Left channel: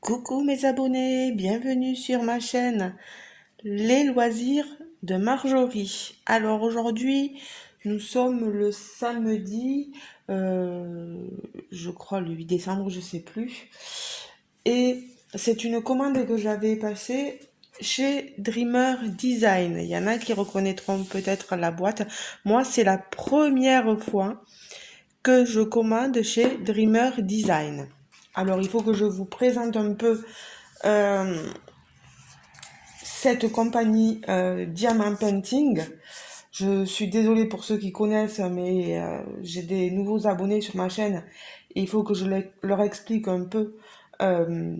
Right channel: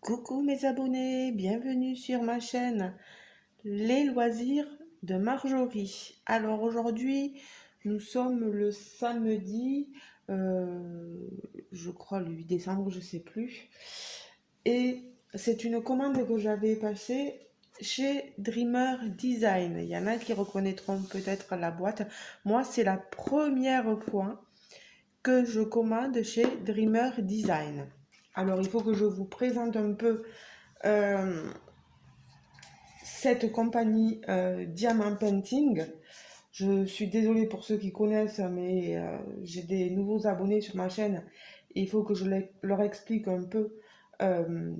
Coucou mes abonnés, bienvenue sur ma chaîne Les loisirs de Marjorie. Alors aujourd'hui, nous sommes le samedi, je crois le 8 décembre, je sais plus. Et c'est une commande que j'avais passée chez Dreamer Design. Il y en a qui reconnaîtront peut-être la boîte. Moi, c'est la première fois que je commande chez Dreamer Design. Alors, il faut que je vous présente un peu cette compagnie Diamant Painting. Je suis désolée pour ceux qui connaissent, mais j'ai des nouveaux abonnés sur ma chaîne et il faut que je leur explique un peu euh,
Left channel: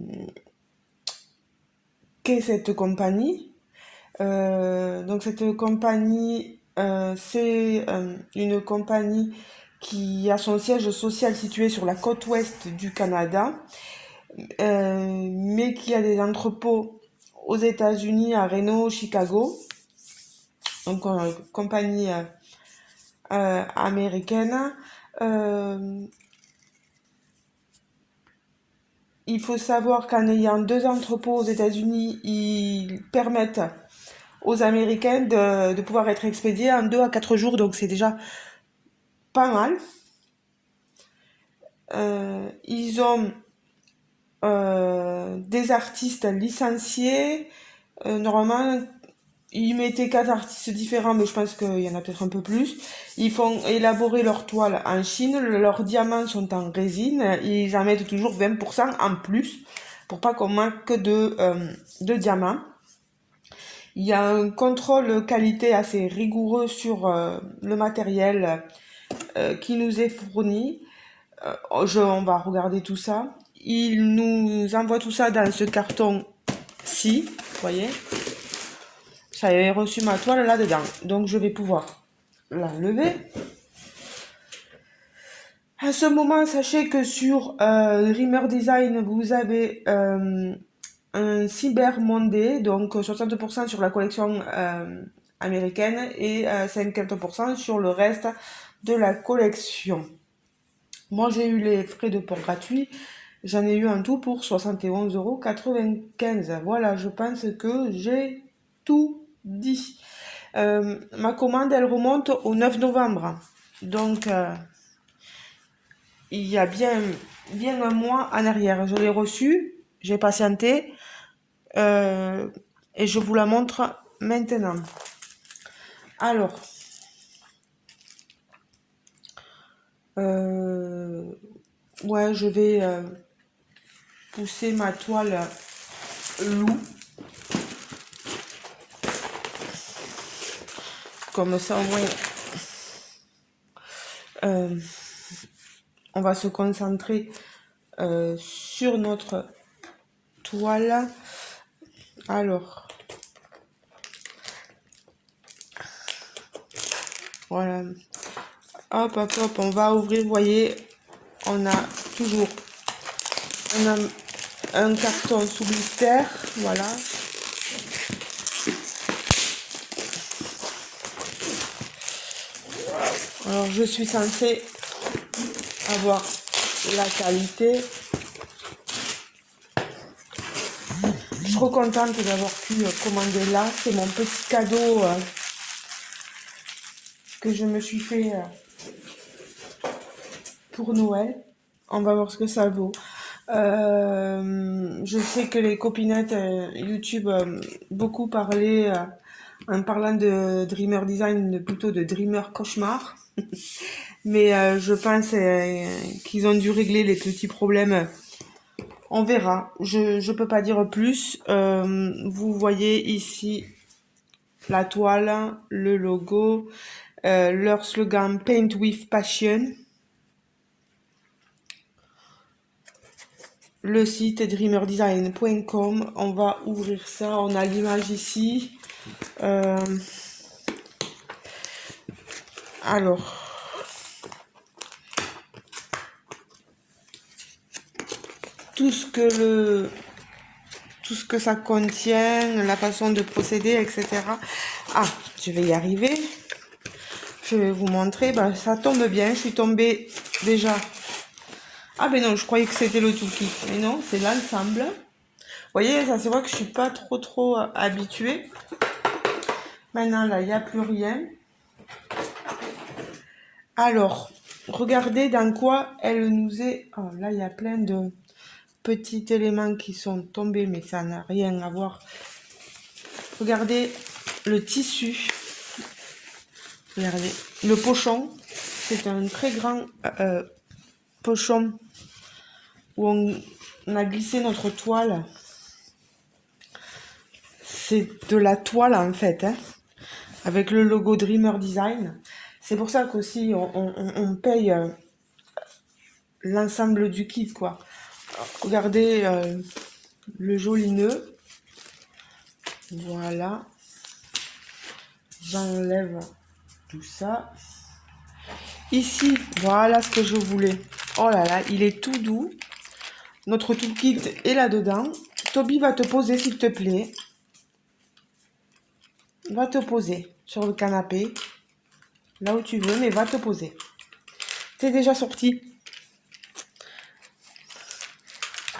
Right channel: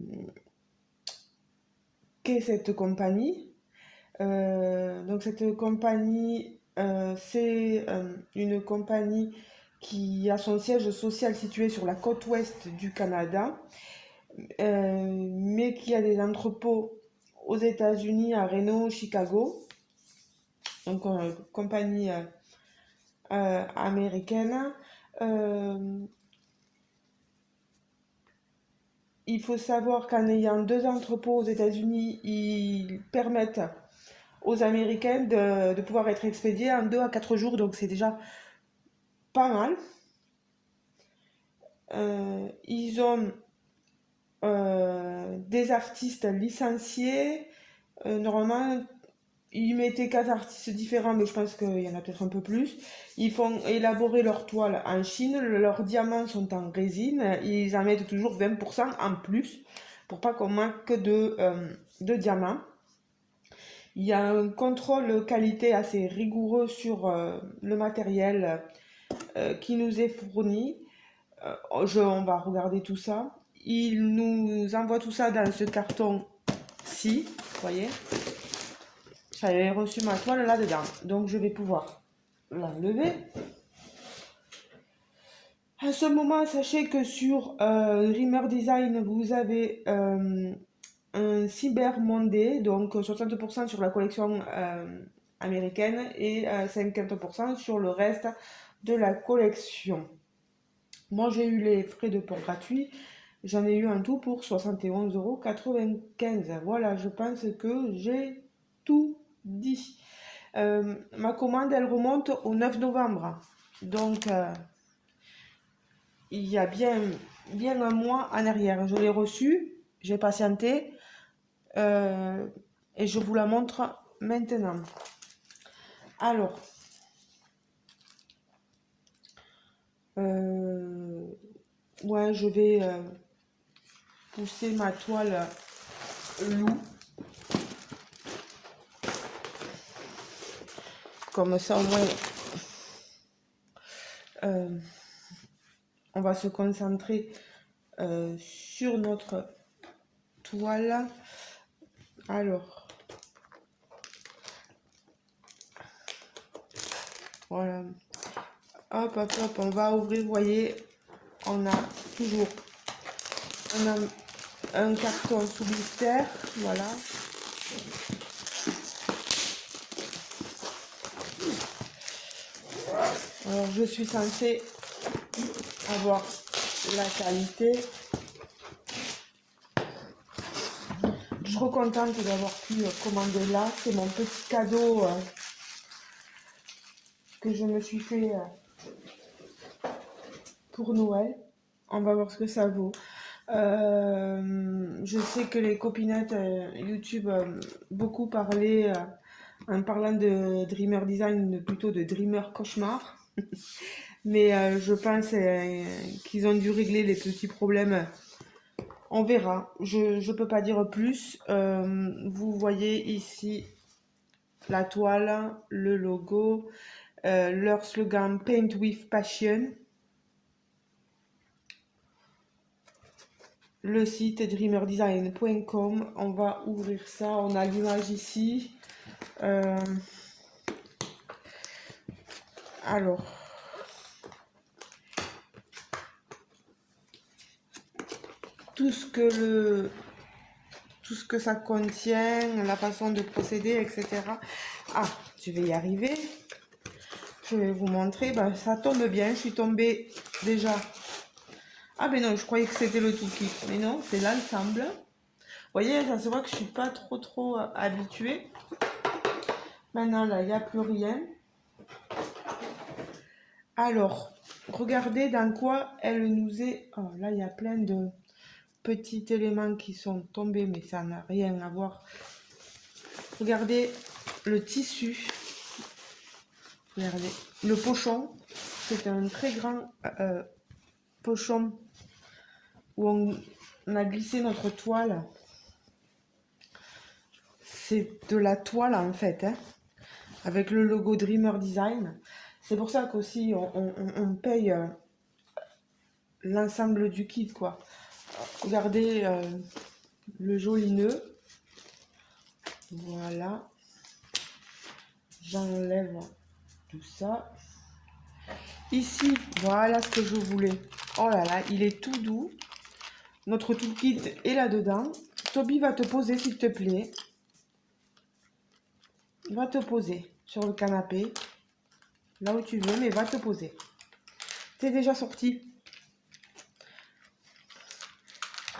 qu'est cette compagnie. Donc cette compagnie, c'est une compagnie qui a son siège social situé sur la côte ouest du Canada, mais qui a des entrepôts aux États-Unis, à Reno, Chicago. Donc compagnie américaine. Euh, il faut savoir qu'en ayant deux entrepôts aux États-Unis, ils permettent aux Américains de pouvoir être expédiés en 2 à 4 jours, donc c'est déjà pas mal. Ils ont des artistes licenciés. Normalement, ils mettaient 4 artistes différents, mais je pense qu'il y en a peut-être un peu plus. Ils font élaborer leurs toiles en Chine, leurs diamants sont en résine, ils en mettent toujours 20% en plus, pour pas qu'on manque de diamants. Il y a un contrôle qualité assez rigoureux sur le matériel qui nous est fourni. On va regarder tout ça. Il nous envoie tout ça dans ce carton-ci, vous voyez. J'avais reçu ma toile là-dedans, donc je vais pouvoir l'enlever. À ce moment, sachez que sur Dreamer Design, vous avez un Cyber Monday, donc 60% sur la collection américaine et 50% sur le reste de la collection. Moi, j'ai eu les frais de port gratuits. J'en ai eu en tout pour 71,95 €. Voilà, je pense que j'ai tout dit. Ma commande, elle remonte au 9 novembre. Donc, il y a bien un mois en arrière. Je l'ai reçue, j'ai patienté et je vous la montre maintenant. Alors, ouais, je vais pousser ma toile loup. Comme ça, au moins, on va se concentrer sur notre toile. Alors, voilà. Hop, hop, hop, on va ouvrir. Vous voyez, on a toujours un carton sous blister. Voilà. Alors, je suis censée avoir la qualité. Je suis trop contente d'avoir pu commander là. C'est mon petit cadeau que je me suis fait pour Noël. On va voir ce que ça vaut. Je sais que les copinettes YouTube beaucoup parlé en parlant de Dreamer Design, plutôt de Dreamer Cauchemar. Mais je pense qu'ils ont dû régler les petits problèmes. On verra. Je peux pas dire plus. Vous voyez ici la toile, le logo, leur slogan Paint with Passion. Le site dreamerdesign.com. On va ouvrir ça. On a l'image ici. Alors. Tout ce que ça contient, la façon de procéder, etc. Ah, je vais y arriver. Je vais vous montrer. Ben, ça tombe bien. Je suis tombée déjà. Ah ben non, je croyais que c'était le tout kit. Mais non, c'est l'ensemble. voyez, ça se voit que je suis pas trop habituée. Maintenant, là, il n'y a plus rien. Alors, regardez dans quoi elle nous est... Oh, là, il y a plein de petits éléments qui sont tombés, mais ça n'a rien à voir. Regardez le tissu. Regardez, le pochon. C'est un très grand pochon où on a glissé notre toile. C'est de la toile en fait, hein, avec le logo Dreamer Design. C'est pour ça qu'aussi on paye l'ensemble du kit, quoi. Regardez le joli nœud. Voilà. J'enlève tout ça. Ici, voilà ce que je voulais. Oh là là, il est tout doux. Notre toolkit est là-dedans. Toby va te poser, s'il te plaît. Va te poser sur le canapé. Là où tu veux, mais va te poser. C'est déjà sorti.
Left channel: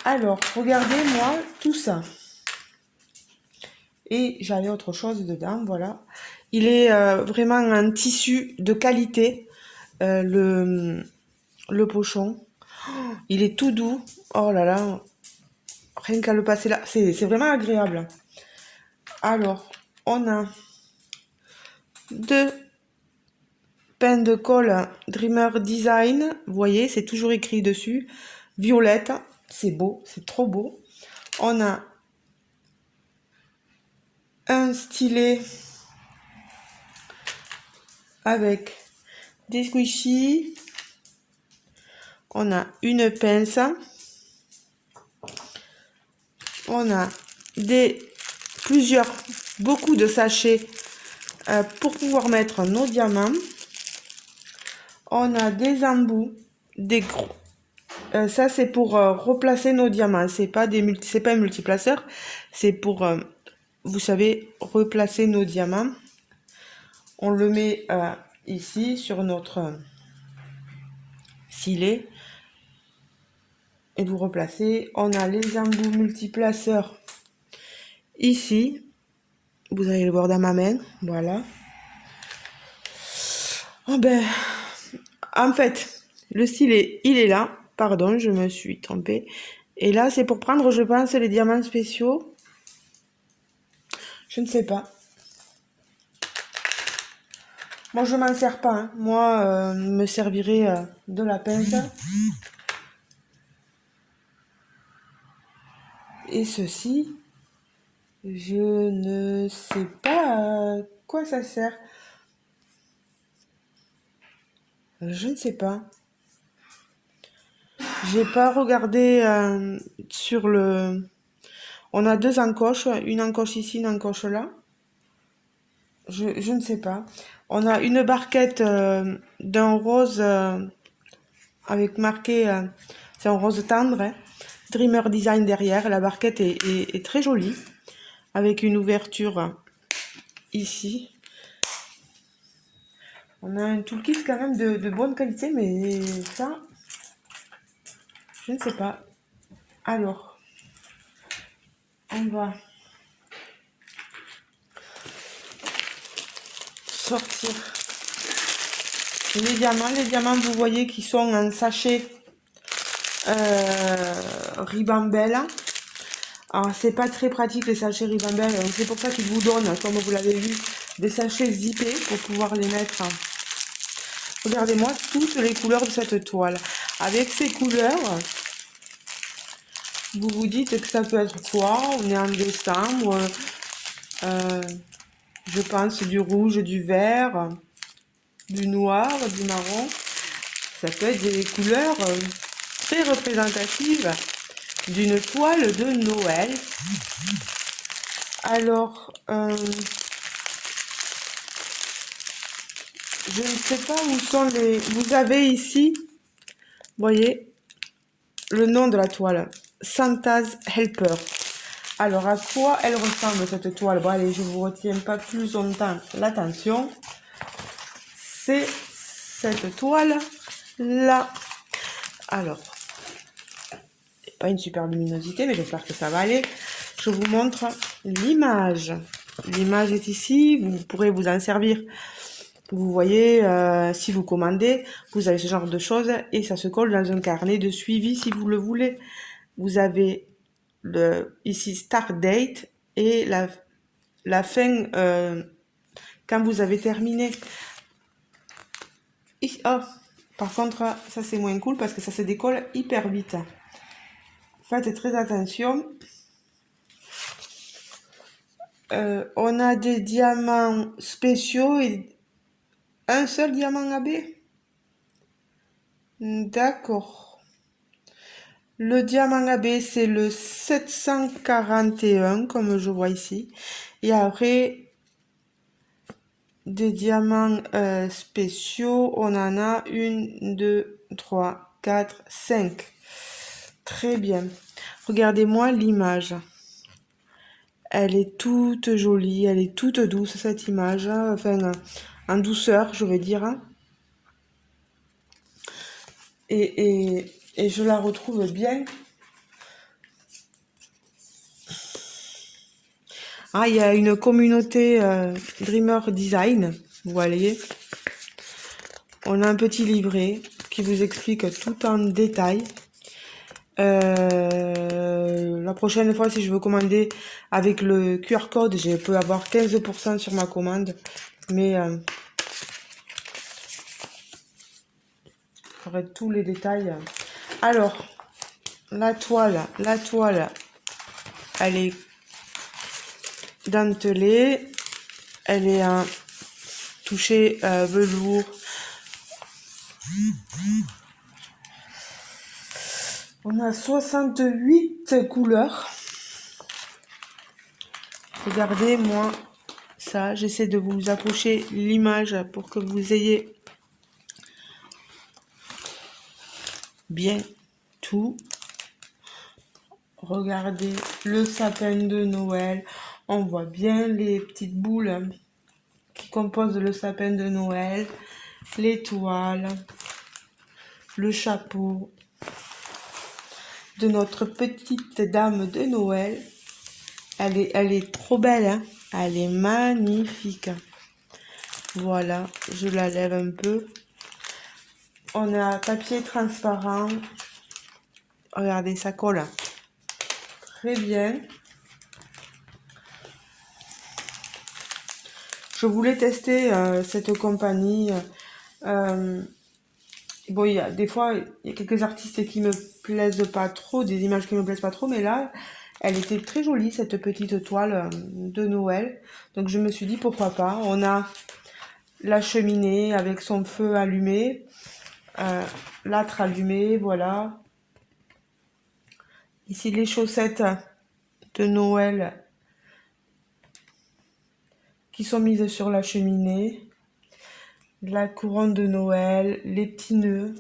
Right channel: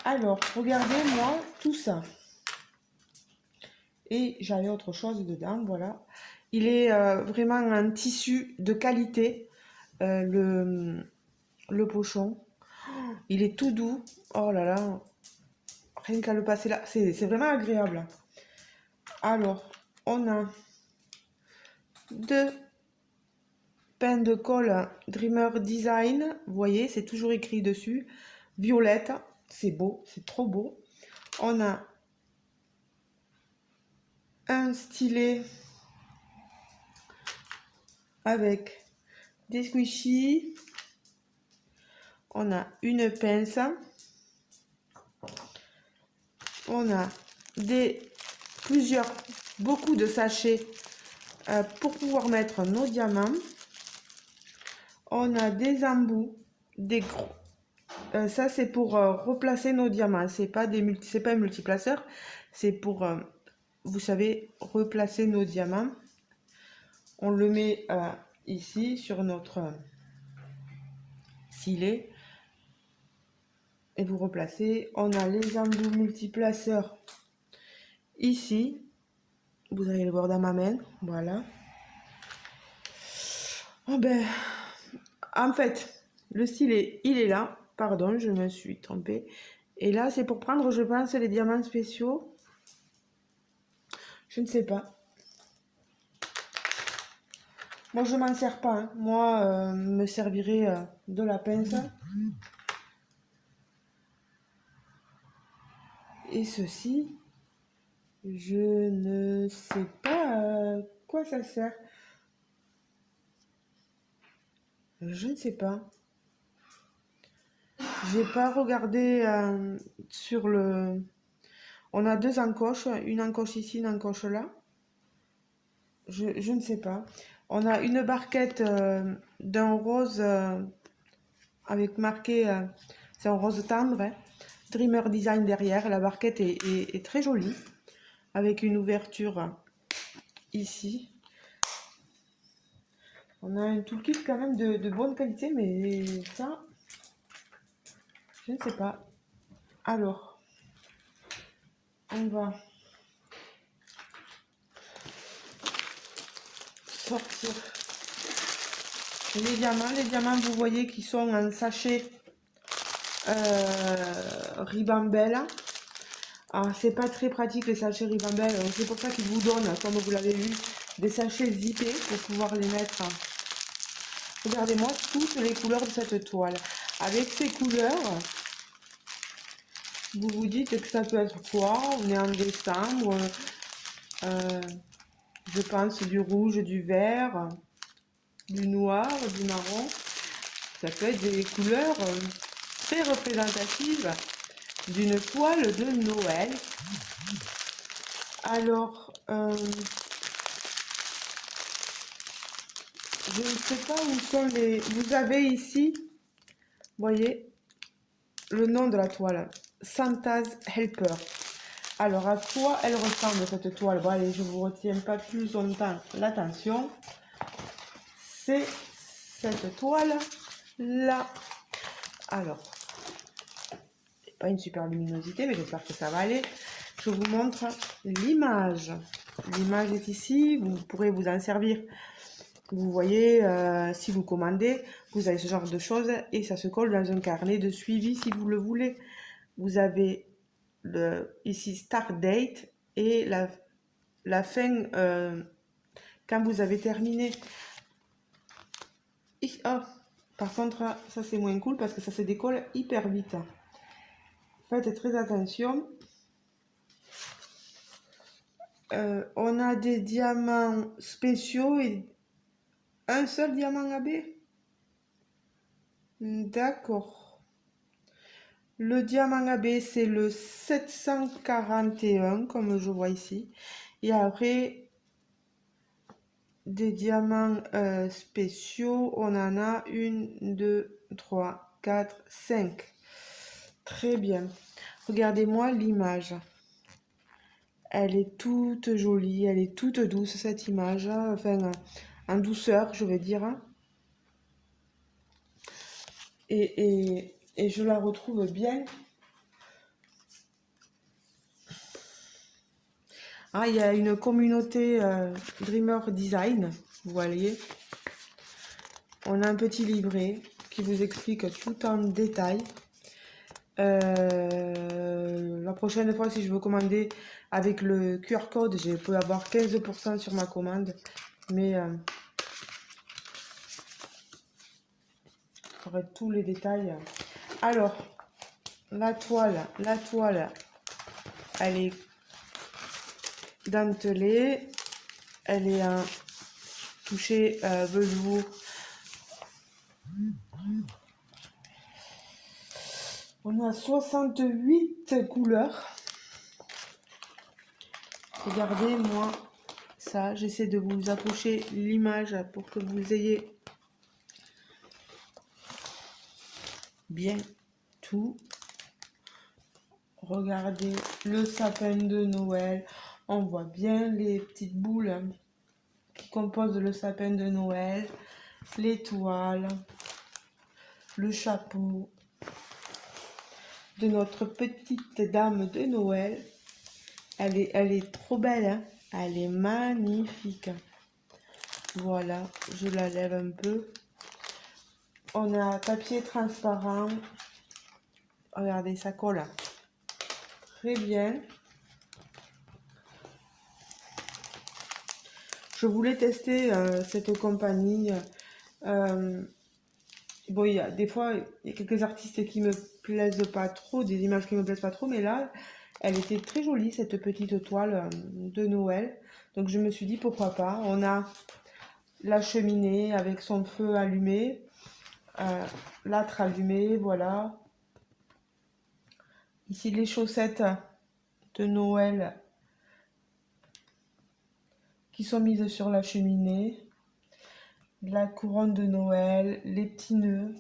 Alors, regardez-moi tout ça. Et j'avais autre chose dedans, voilà. Il est vraiment un tissu de qualité, le pochon. Oh, il est tout doux. Oh là là, rien qu'à le passer là, c'est vraiment agréable. Alors, on a deux pains de colle Dreamer Design. Vous voyez, c'est toujours écrit dessus. Violette, c'est beau, c'est trop beau. On a un stylet avec des squishies. On a une pince. On a beaucoup de sachets pour pouvoir mettre nos diamants. On a des embouts, des gros. Ça c'est pour replacer nos diamants. C'est pas un multiplaceur. C'est pour, vous savez, replacer nos diamants. On le met ici sur notre filet. Et vous replacez. On a les embouts multiplaceurs ici. Vous allez le voir dans ma main. Voilà. Oh ben, en fait, le stylet, il est là. Pardon, je me suis trompée. Et là, c'est pour prendre, je pense, les diamants spéciaux. Je ne sais pas. Moi, je m'en sers pas. Hein. Moi, me servirai de la pince. Et ceci, je ne sais pas à quoi ça sert. Je ne sais pas. J'ai pas regardé sur le... On a deux encoches, une encoche ici, une encoche là. Je ne sais pas. On a une barquette d'un rose avec marqué, c'est un rose tendre, hein, Dreamer Design derrière. La barquette est très jolie, avec une ouverture ici. On a un toolkit quand même de bonne qualité, mais ça, je ne sais pas. Alors, on va sortir les diamants. Les diamants, vous voyez, qui sont en sachet Ribambelle. Alors, c'est pas très pratique les sachets Ribambelle. C'est pour ça qu'ils vous donnent, comme vous l'avez vu, des sachets zippés pour pouvoir les mettre. Regardez-moi toutes les couleurs de cette toile. Avec ces couleurs, vous vous dites que ça peut être quoi? On est en décembre. Je pense du rouge, du vert, du noir, du marron. Ça peut être des couleurs très représentatives d'une toile de Noël. Alors, je ne sais pas où sont les... Vous avez ici, vous voyez, le nom de la toile. Santa's Helper. Alors, à quoi elle ressemble cette toile? Bon, allez, je vous retiens pas plus longtemps l'attention. C'est cette toile là. Alors, pas une super luminosité, mais j'espère que ça va aller. Je vous montre l'image. L'image est ici, vous pourrez vous en servir. Vous voyez, si vous commandez, vous avez ce genre de choses et ça se colle dans un carnet de suivi si vous le voulez. Vous avez ici Start Date et la fin quand vous avez terminé. Oh, par contre, ça c'est moins cool parce que ça se décolle hyper vite. Faites très attention. On a des diamants spéciaux et un seul diamant AB. D'accord. Le diamant AB, c'est le 741, comme je vois ici. Et après, des diamants spéciaux, on en a 1, 2, 3, 4, 5. Très bien. Regardez-moi l'image. Elle est toute jolie, elle est toute douce cette image, enfin en douceur je veux dire. Et je la retrouve bien. Ah, il y a une communauté Dreamer Design, vous voyez. On a un petit livret qui vous explique tout en détail. La prochaine fois, si je veux commander avec le QR code, je peux avoir 15% sur ma commande. Mais j'aurai tous les détails. Alors, la toile, elle est dentelée. Elle est un touché velours. On a 68 couleurs. Regardez, moi, ça, j'essaie de vous approcher l'image pour que vous ayez bien tout. Regardez le sapin de Noël. On voit bien les petites boules qui composent le sapin de Noël. L'étoile. Le chapeau de notre petite dame de Noël. Elle est trop belle, hein? Elle est magnifique. Voilà, je la lève un peu. On a papier transparent. Regardez, ça colle très bien. Je voulais tester cette compagnie. Bon, il y a des fois, il y a quelques artistes qui me plaisent pas trop, des images qui me plaisent pas trop, mais là, elle était très jolie, cette petite toile de Noël. Donc je me suis dit, pourquoi pas. On a la cheminée avec son feu allumé, l'âtre allumé, voilà. Ici, les chaussettes de Noël qui sont mises sur la cheminée. La couronne de Noël, les petits nœuds.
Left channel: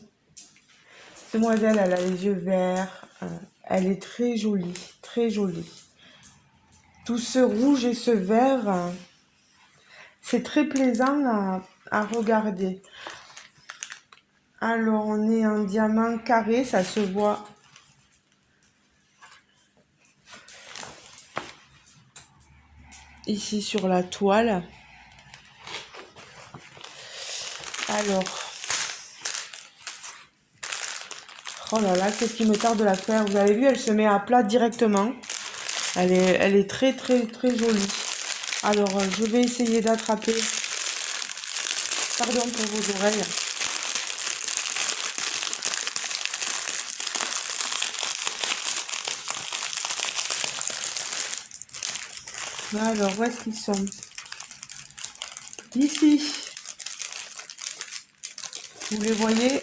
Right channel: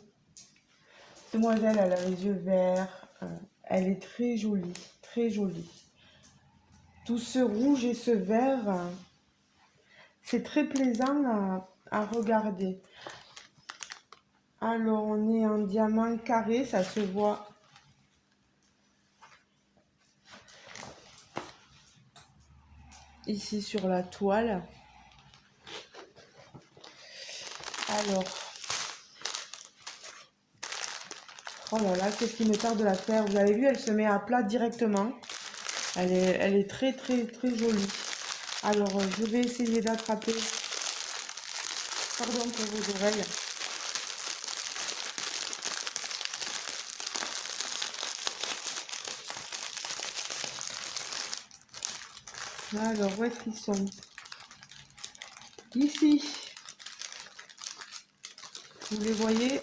Demoiselle, elle a les yeux verts. Elle est très jolie, très jolie. Tout ce rouge et ce vert, c'est très plaisant à regarder. Alors, on est en diamant carré, ça se voit. Ici sur la toile. Alors, oh là là, qu'est-ce qui me tarde de la faire. Vous avez vu, elle se met à plat directement. Elle est très très très jolie. Alors, je vais essayer d'attraper. Pardon pour vos oreilles. Alors, où est-ce qu'ils sont? Ici. Vous les voyez?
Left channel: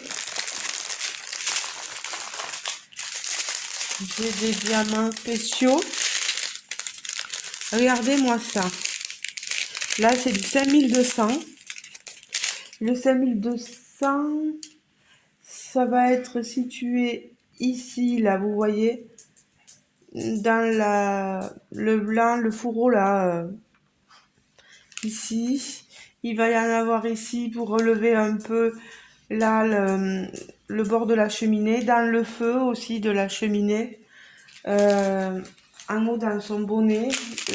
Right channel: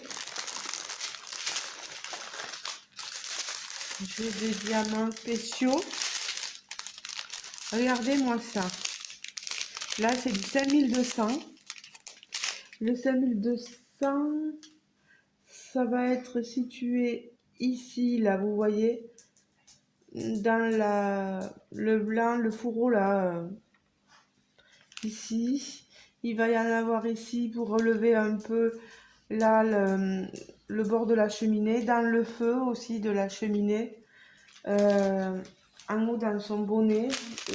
J'ai des diamants spéciaux. Regardez-moi ça. Là, c'est du 5200. Le 5200, ça va être situé ici, là, vous voyez, dans le blanc, le fourreau, là, ici. Il va y en avoir ici pour relever un peu, là, le bord de la cheminée, dans le feu aussi de la cheminée. euh, en haut dans son bonnet,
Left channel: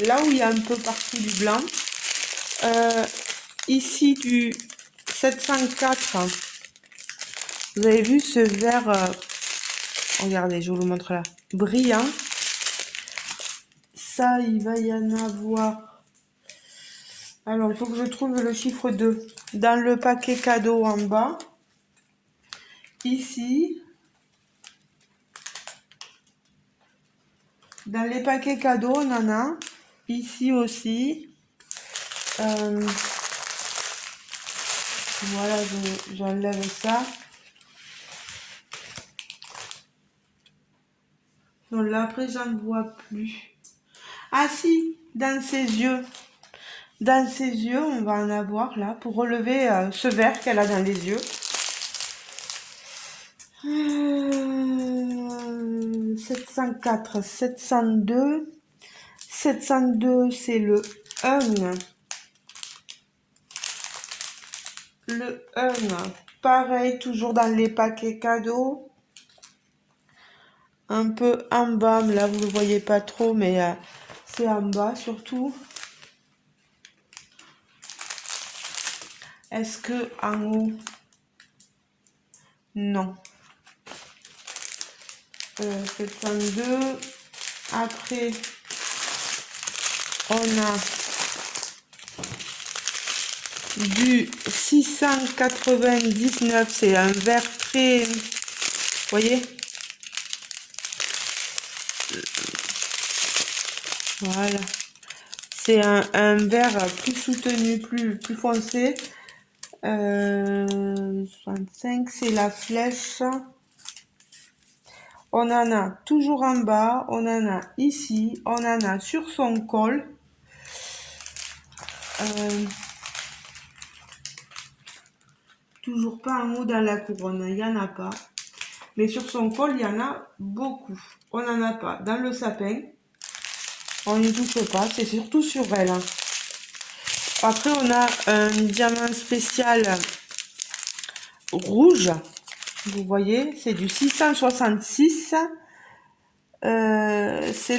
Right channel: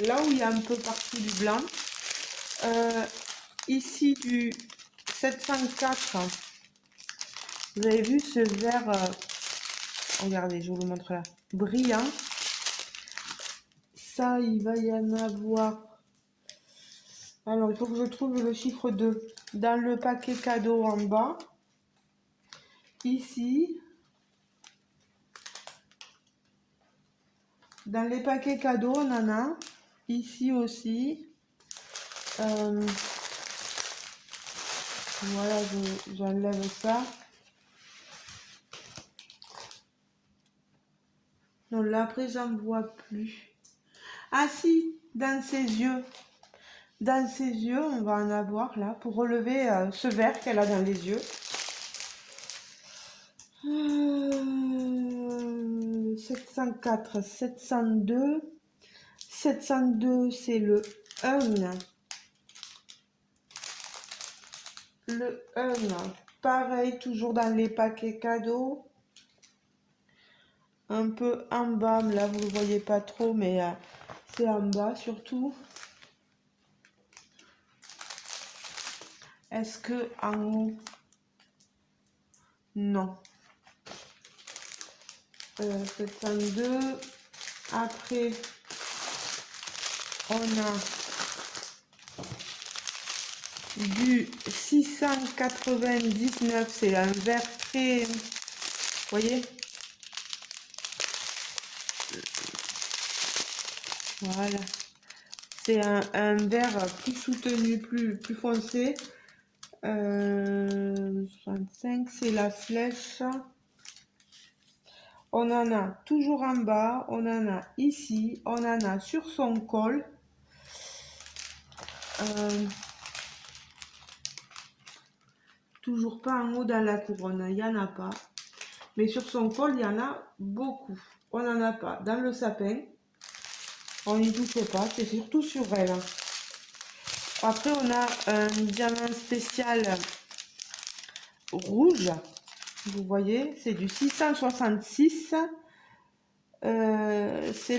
là où il y a un peu partout du blanc. Ici du 704, vous avez vu ce vert, regardez, je vous le montre là, brillant. Ça, il va y en avoir. Alors, il faut que je trouve le chiffre 2 dans le paquet cadeau en bas. Ici. Dans les paquets cadeaux, on en a. Ici aussi. Voilà, j'enlève ça. Non, là, après, j'en vois plus. Ah si, dans ses yeux. Dans ses yeux, on va en avoir là pour relever ce vert qu'elle a dans les yeux. 704, 702. 702, c'est le 1. Le 1, pareil, toujours dans les paquets cadeaux. Un peu en bas, là vous ne le voyez pas trop, mais c'est en bas surtout. Est-ce que en haut? Non. 702. Après, on a du 699, c'est un vert très, vous voyez, voilà, c'est un vert plus soutenu, plus foncé. 65, c'est la flèche. On en a toujours en bas, on en a ici, on en a sur son col. Toujours pas en haut dans la couronne, il n'y en a pas. Mais sur son col, il y en a beaucoup. On n'en a pas dans le sapin. On n'y touche pas, c'est surtout sur elle. Après, on a un diamant spécial rouge. Vous voyez, c'est du 666. C'est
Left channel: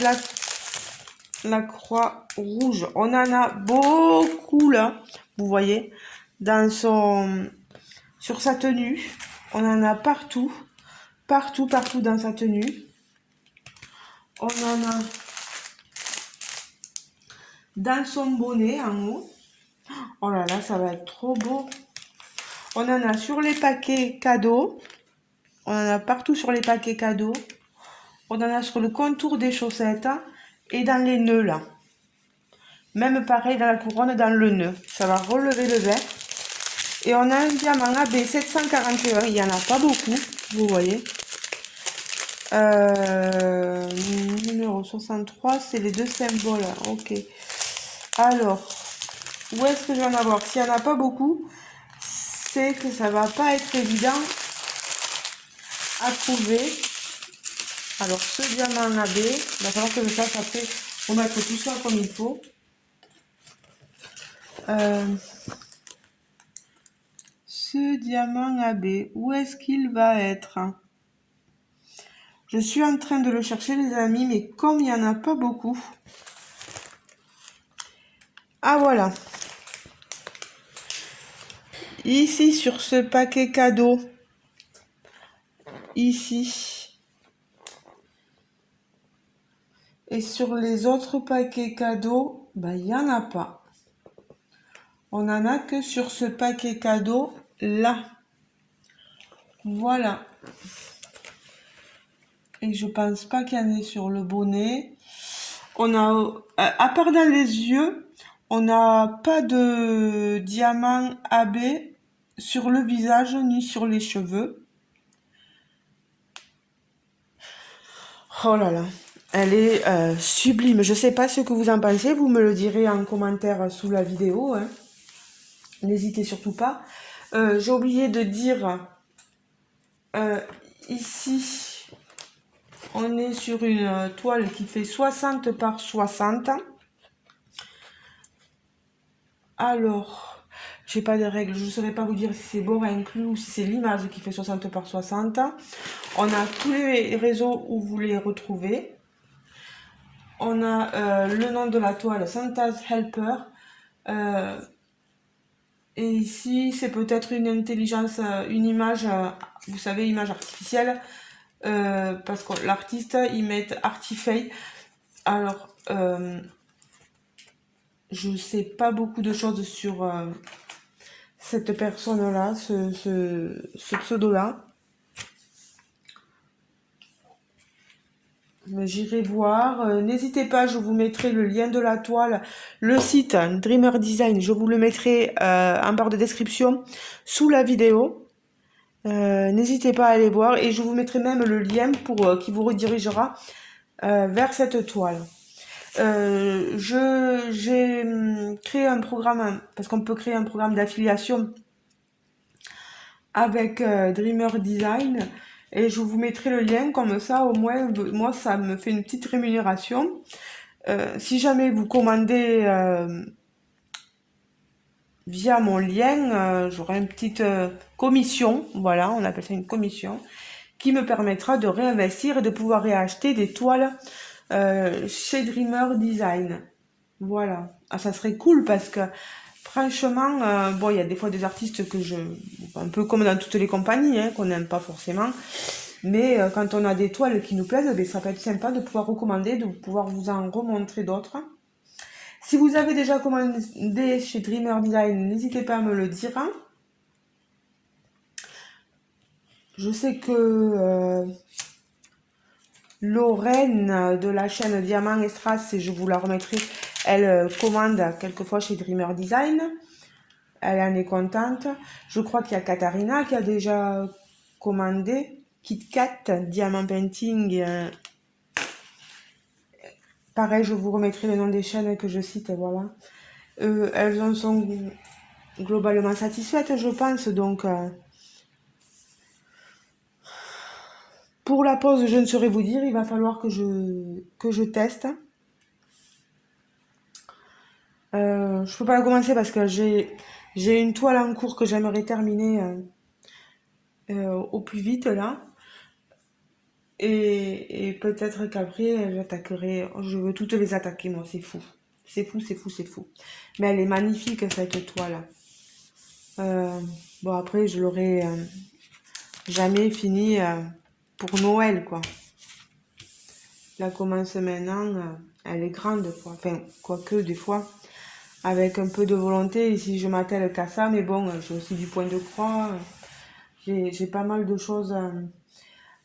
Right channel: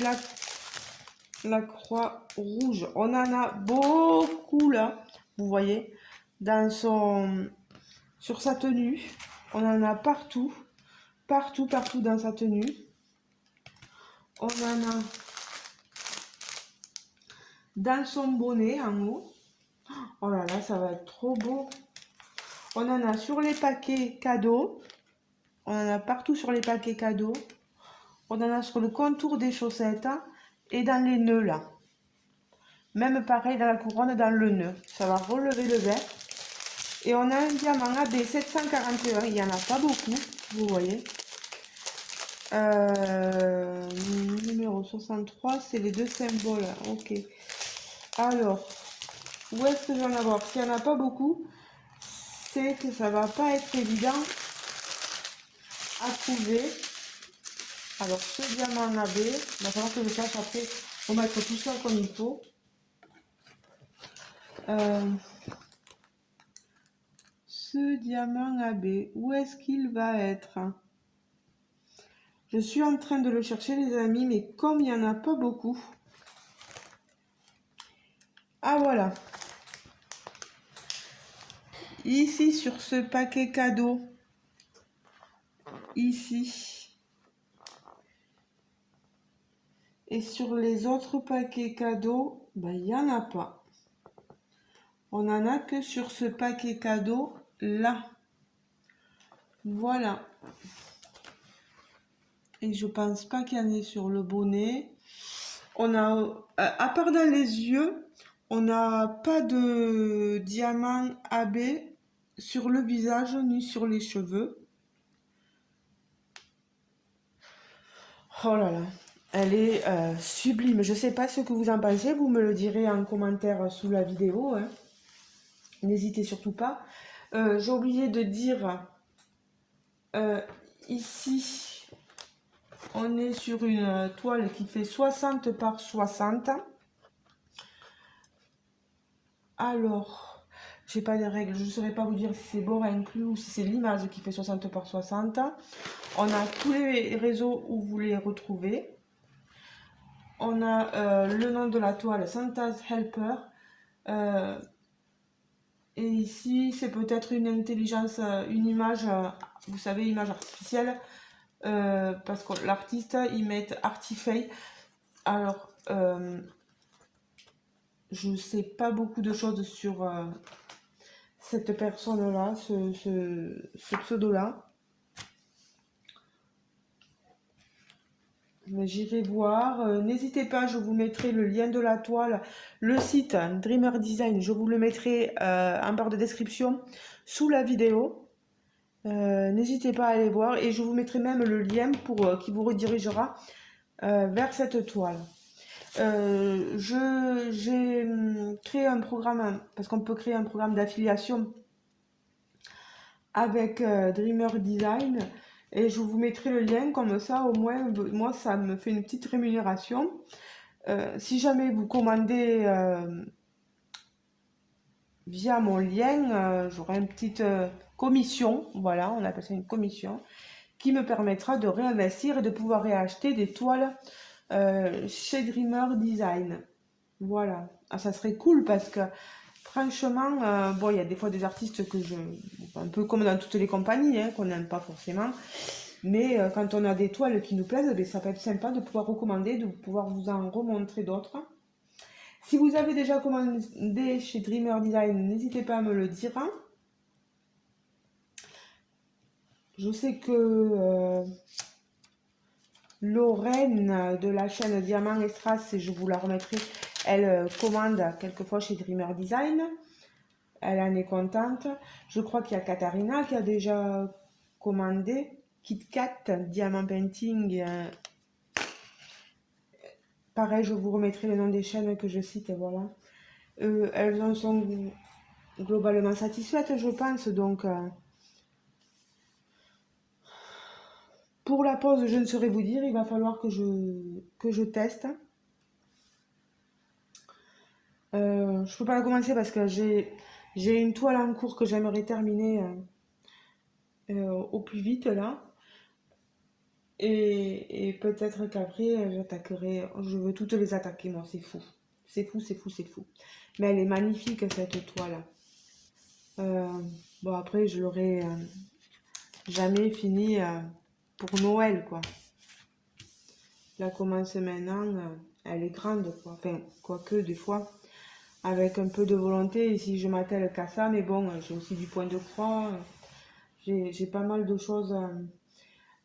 la croix rouge. On en a beaucoup là. Vous voyez, sur sa tenue. On en a partout. Partout dans sa tenue. On en a dans son bonnet en haut. Oh là là, ça va être trop beau. On en a sur les paquets cadeaux. On en a partout sur les paquets cadeaux. On en a sur le contour des chaussettes et dans les nœuds là. Même pareil dans la couronne, dans le nœud. Ça va relever le vert. Et on a un diamant AB 741. Il n'y en a pas beaucoup, vous voyez. Numéro 63, c'est les deux symboles. Ok. Alors, où est-ce que je vais en avoir? S'il n'y en a pas beaucoup, c'est que ça va pas être évident à trouver. Alors, ce diamant AB, il va falloir que je fasse après pour mettre tout ça comme il faut. Ce diamant AB, où est-ce qu'il va être? Je suis en train de le chercher, les amis, mais comme il n'y en a pas beaucoup. Ah, voilà. Ici, sur ce paquet cadeau, ici, et sur les autres paquets cadeaux, ben, il n'y en a pas. On n'en a que sur ce paquet cadeau là. Voilà. Et je pense pas qu'il y en ait sur le bonnet. On a, à part dans les yeux, on n'a pas de diamant AB sur le visage ni sur les cheveux. Oh là là, elle est sublime. Je sais pas ce que vous en pensez, vous me le direz en commentaire sous la vidéo, hein. N'hésitez surtout pas. J'ai oublié de dire, ici, on est sur une toile qui fait 60 par 60. Alors, j'ai pas de règles, je ne saurais pas vous dire si c'est bord inclus ou si c'est l'image qui fait 60 par 60. On a tous les réseaux où vous les retrouvez. on a le nom de la toile, Santa's Helper. Et ici, c'est peut-être une intelligence, une image, vous savez, image artificielle, parce que l'artiste, il met Artifay. Alors, je sais pas beaucoup de choses sur cette personne-là, ce pseudo-là. J'irai voir. N'hésitez pas, je vous mettrai le lien de la toile, le site Dreamer Design, je vous le mettrai en barre de description sous la vidéo. N'hésitez pas à aller voir et je vous mettrai même le lien pour qui vous redirigera vers cette toile. J'ai créé un programme, parce qu'on peut créer un programme d'affiliation avec Dreamer Design et je vous mettrai le lien, comme ça au moins moi ça me fait une petite rémunération. Si jamais vous commandez via mon lien, j'aurai une petite commission, voilà, on appelle ça une commission, qui me permettra de réinvestir et de pouvoir réacheter des toiles chez Dreamer Design. Voilà, ça serait cool parce que franchement, bon, il y a des fois des artistes que un peu comme dans toutes les compagnies, hein, qu'on n'aime pas forcément, mais quand on a des toiles qui nous plaisent, ça peut être sympa de pouvoir recommander, de pouvoir vous en remontrer d'autres. Si vous avez déjà commandé chez Dreamer Design, n'hésitez pas à me le dire. Je sais que Lorraine de la chaîne Diamant et Strass, et je vous la remettrai, elle commande quelquefois chez Dreamer Design. Elle en est contente. Je crois qu'il y a Katharina qui a déjà commandé. KitKat, Diamant Painting. Pareil, je vous remettrai le nom des chaînes que je cite, voilà. Elles en sont globalement satisfaites, je pense. Donc, pour la pause, je ne saurais vous dire. Il va falloir que je teste. Je peux pas la commencer parce que j'ai une toile en cours que j'aimerais terminer au plus vite là. Et peut-être qu'après j'attaquerai. Je veux toutes les attaquer, moi, c'est fou. C'est fou, c'est fou, c'est fou. Mais elle est magnifique cette toile. Bon, après, je l'aurai jamais fini pour Noël, quoi. La commence maintenant, elle est grande, quoi. Enfin, quoique, des fois, avec un peu de volonté, et si je m'attelle qu'à ça, mais bon, j'ai aussi du point de croix. J'ai pas mal de choses.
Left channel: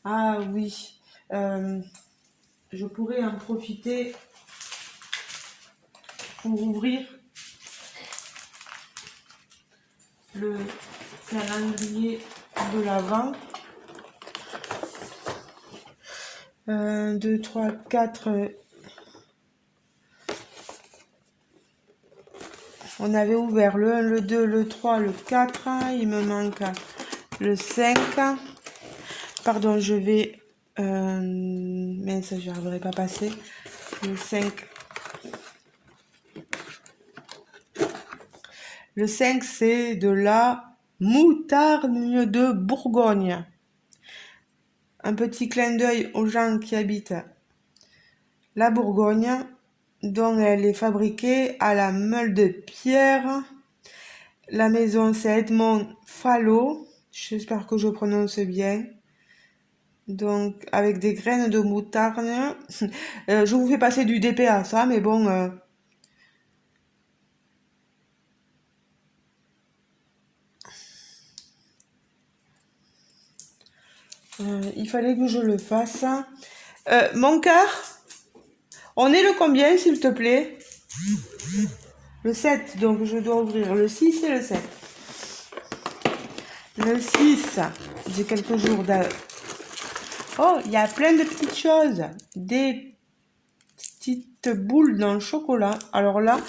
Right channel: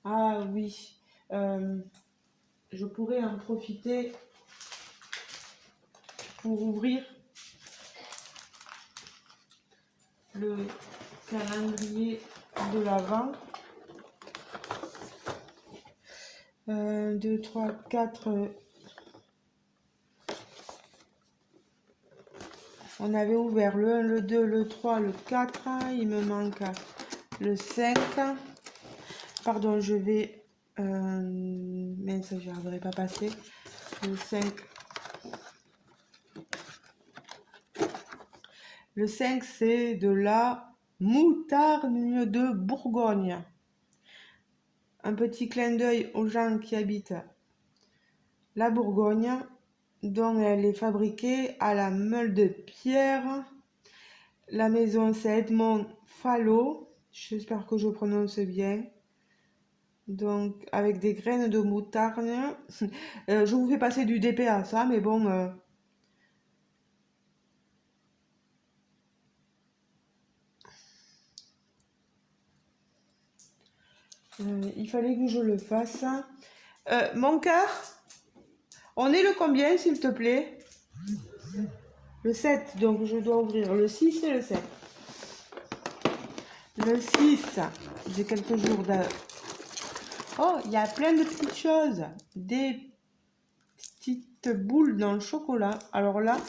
Ah oui, je pourrais en profiter pour ouvrir le calendrier de l'Avent. 1, 2, 3, 4. On avait ouvert le 1, le 2, le 3, le 4. Il me manque le 5. Pardon, je vais... mais ça, je n'arriverai pas à passer. Le 5. Le 5, c'est de la moutarde de Bourgogne. Un petit clin d'œil aux gens qui habitent la Bourgogne, dont elle est fabriquée à la meule de pierre. La maison, c'est Edmond Fallot. J'espère que je prononce bien. Donc, avec des graines de moutarde. Je vous fais passer du DPA, ça, mais bon... il fallait que je le fasse. Mon cœur, on est le combien, s'il te plaît? Le 7, donc je dois ouvrir le 6 et le 7. Le 6, j'ai quelques jours de... Oh, il y a plein de petites choses. Des petites boules dans le chocolat. Alors là,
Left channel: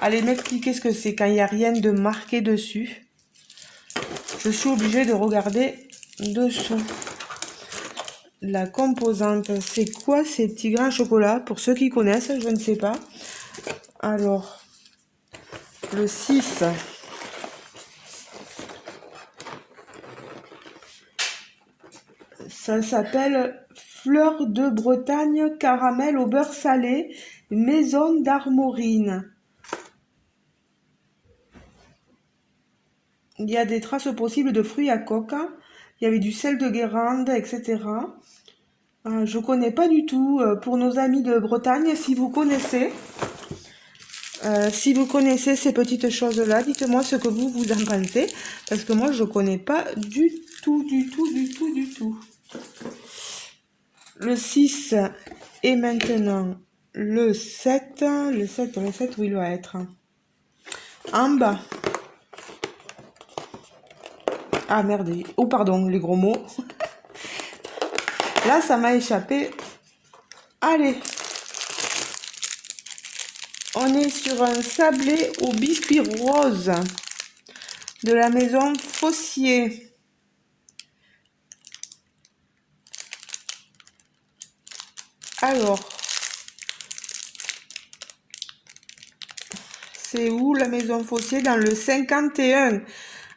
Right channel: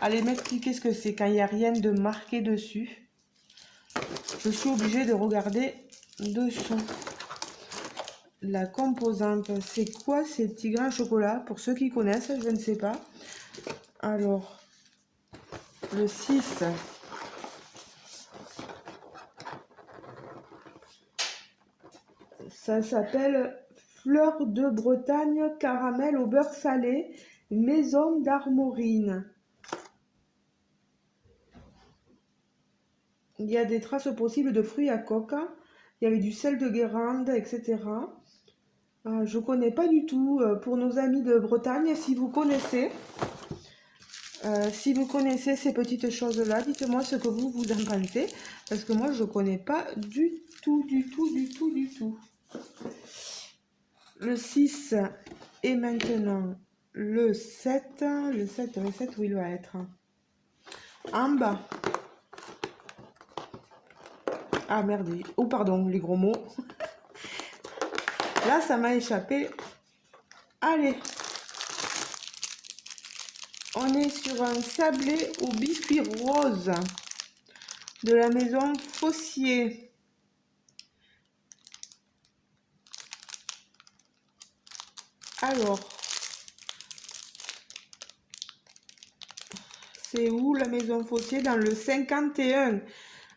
allez m'expliquer ce que c'est quand il n'y a rien de marqué dessus. Je suis obligée de regarder dessous. La composante, c'est quoi ces petits grains de chocolat? Pour ceux qui connaissent, je ne sais pas. Alors, le 6. Ça s'appelle fleur de Bretagne, caramel au beurre salé, maison d'Armorine. Il y a des traces possibles de fruits à coque. Il y avait du sel de Guérande, etc. Je connais pas du tout. Pour nos amis de Bretagne, si vous connaissez ces petites choses-là, dites-moi ce que vous en pensez. Parce que moi, je connais pas du tout, du tout, du tout, du tout. Le 6 et maintenant le 7. Le 7, où il doit être. En bas. Ah merde. Oh pardon, les gros mots. Là, ça m'a échappé. Allez. On est sur un sablé au biscuit rose de la maison Fossier. Alors, c'est où la maison Fossier? Dans le 51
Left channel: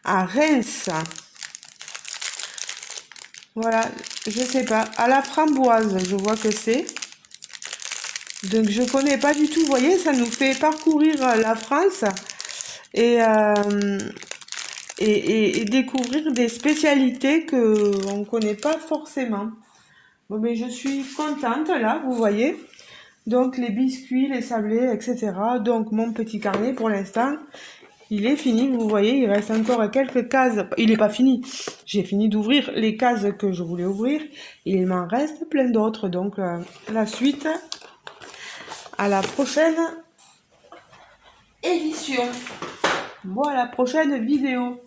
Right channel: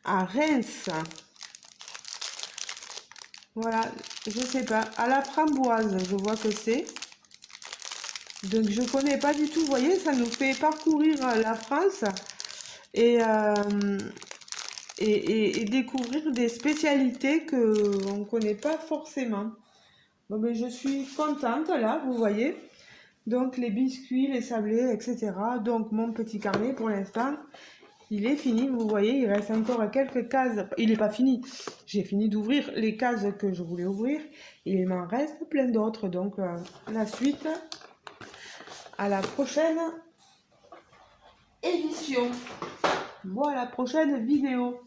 à Reims. Voilà, je sais pas. À la framboise, je vois que c'est. Donc je connais pas du tout. Vous voyez, ça nous fait parcourir la France et, et découvrir des spécialités que on connaît pas forcément. Bon, mais je suis contente là, vous voyez. Donc les biscuits, les sablés, etc. Donc mon petit carnet pour l'instant, il est fini. Vous voyez, il reste encore quelques cases. Il n'est pas fini. J'ai fini d'ouvrir les cases que je voulais ouvrir. Et il m'en reste plein d'autres. Donc la suite à la prochaine édition. Bon, à la prochaine vidéo.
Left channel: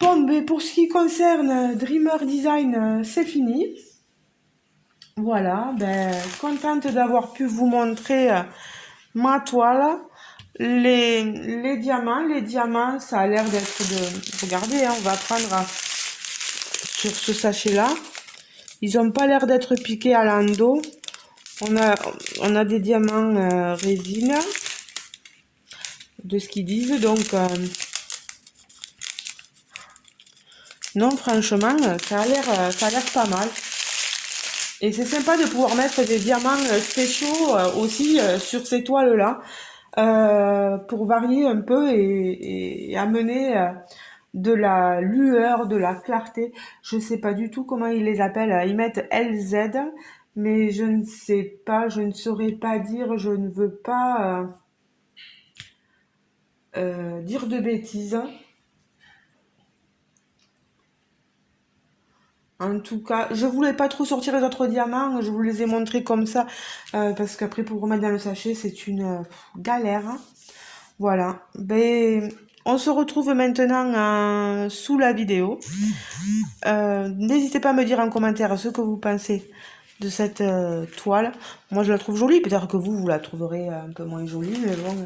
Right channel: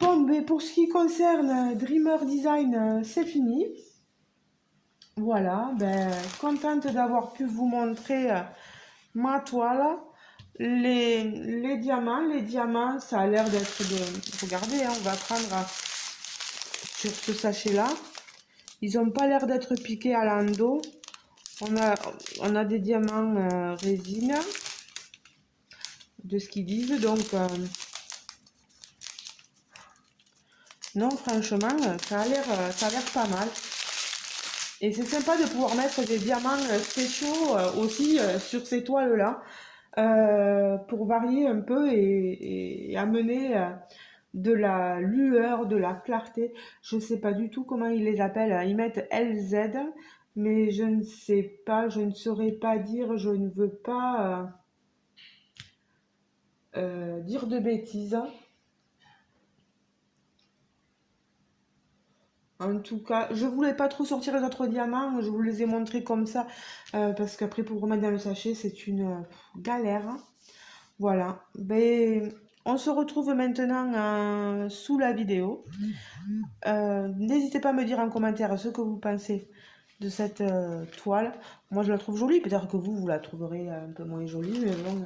Bon, mais pour ce qui concerne Dreamer Design, c'est fini. Voilà, ben, contente d'avoir pu vous montrer ma toile. Les diamants, ça a l'air d'être de... Regardez, hein, on va prendre sur ce sachet-là. Ils n'ont pas l'air d'être piqués à l'endo. On a des diamants résine, de ce qu'ils disent. Donc, non, franchement, ça a l'air pas mal. Et c'est sympa de pouvoir mettre des diamants spéciaux aussi sur ces toiles-là pour varier un peu et amener de la lueur, de la clarté. Je ne sais pas du tout comment ils les appellent. Ils mettent LZ, mais je ne sais pas, je ne saurais pas dire, je ne veux pas dire de bêtises. En tout cas, je voulais pas trop sortir les autres diamants, je vous les ai montrés comme ça, parce qu'après pour remettre dans le sachet, c'est une galère. Voilà, ben, on se retrouve maintenant sous la vidéo. N'hésitez pas à me dire en commentaire ce que vous pensez de cette toile. Moi, je la trouve jolie, peut-être que vous la trouverez un peu moins jolie, mais bon,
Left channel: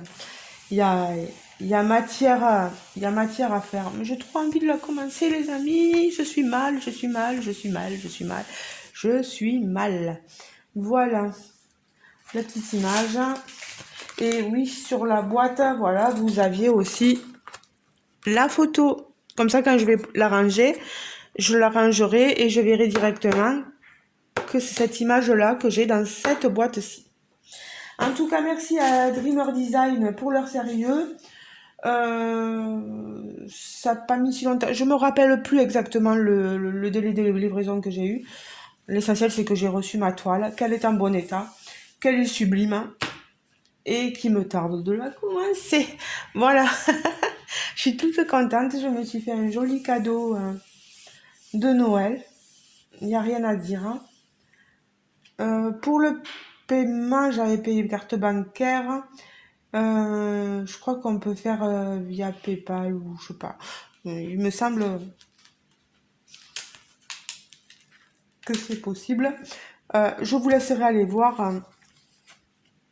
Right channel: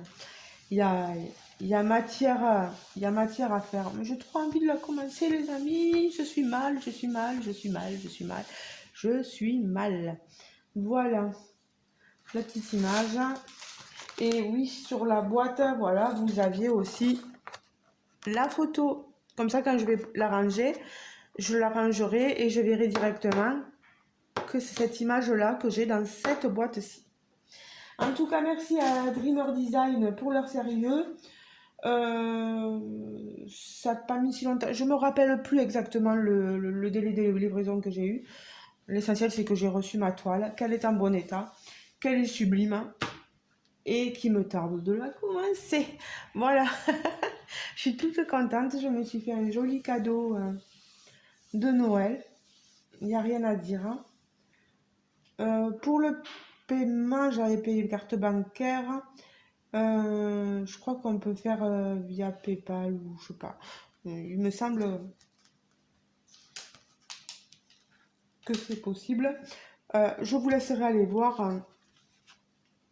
il y a, il y a matière à faire. Mais j'ai trop envie de la commencer, les amis. Je suis mal. Voilà, la petite image. Et oui, sur la boîte, voilà, vous aviez aussi la photo. Comme ça, quand je vais la ranger, je la rangerai et je verrai directement que c'est cette image-là que j'ai dans cette boîte-ci. En tout cas, merci à Dreamer Design pour leur sérieux. Ça n'a pas mis si longtemps. Je me rappelle plus exactement le délai de livraison que j'ai eu. L'essentiel, c'est que j'ai reçu ma toile, qu'elle est en bon état, qu'elle est sublime et qu'il me tarde de la commencer. Voilà. Je suis toute contente. Je me suis fait un joli cadeau de Noël. Il n'y a rien à dire. Pour le paiement, j'avais payé carte bancaire. Je crois qu'on peut faire via PayPal ou je sais pas. Il me semble que c'est possible. Je vous laisserai aller voir.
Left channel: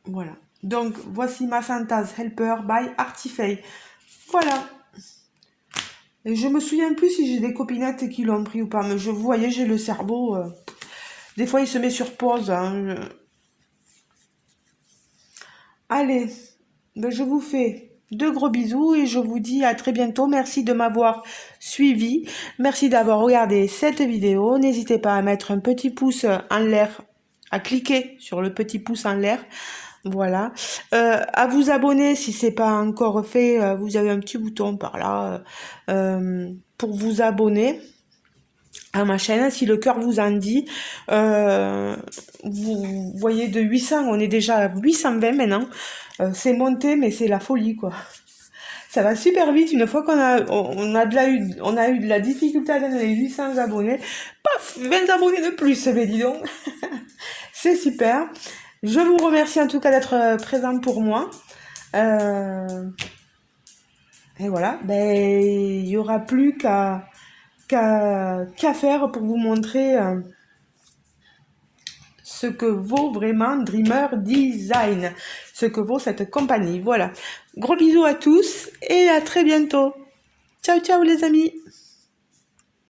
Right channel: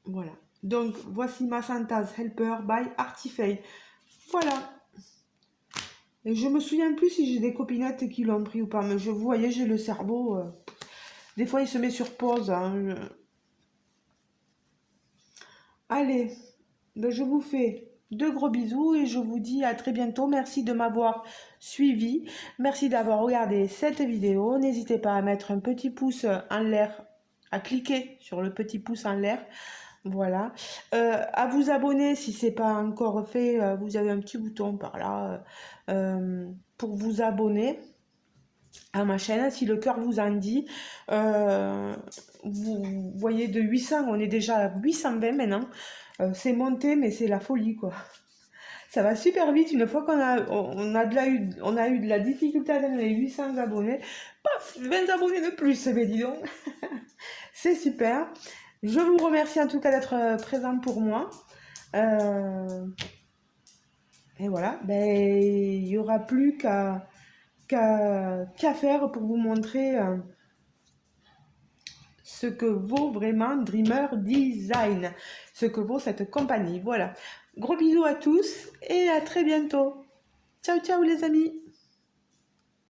Voilà. Donc, voici ma Santa's Helper by Artifay. Voilà. Et je me souviens plus si j'ai des copinettes qui l'ont pris ou pas. Mais vous voyez, j'ai le cerveau. Des fois, il se met sur pause. Hein. Allez. Ben, je vous fais de gros bisous et je vous dis à très bientôt. Merci de m'avoir suivi. Merci d'avoir regardé cette vidéo. N'hésitez pas à mettre un petit pouce en l'air, à cliquer sur le petit pouce en l'air. Voilà. À vous abonner si c'est pas encore fait. Vous avez un petit bouton par là pour vous abonner à ma chaîne si le cœur vous en dit. Vous voyez, de 800 on est déjà à 820 maintenant. C'est monté, mais c'est la folie quoi. Ça va super vite. Une fois on a eu de la difficulté à atteindre les 800 abonnés, paf, 20 abonnés de plus, mais dis donc. C'est super. Je vous remercie en tout cas d'être présent pour moi. Et voilà, ben, il n'y aura plus qu'à faire pour vous montrer ce que vaut vraiment Dreamer Design, ce que vaut cette compagnie. Voilà, gros bisous à tous et à très bientôt. Ciao, ciao les amis.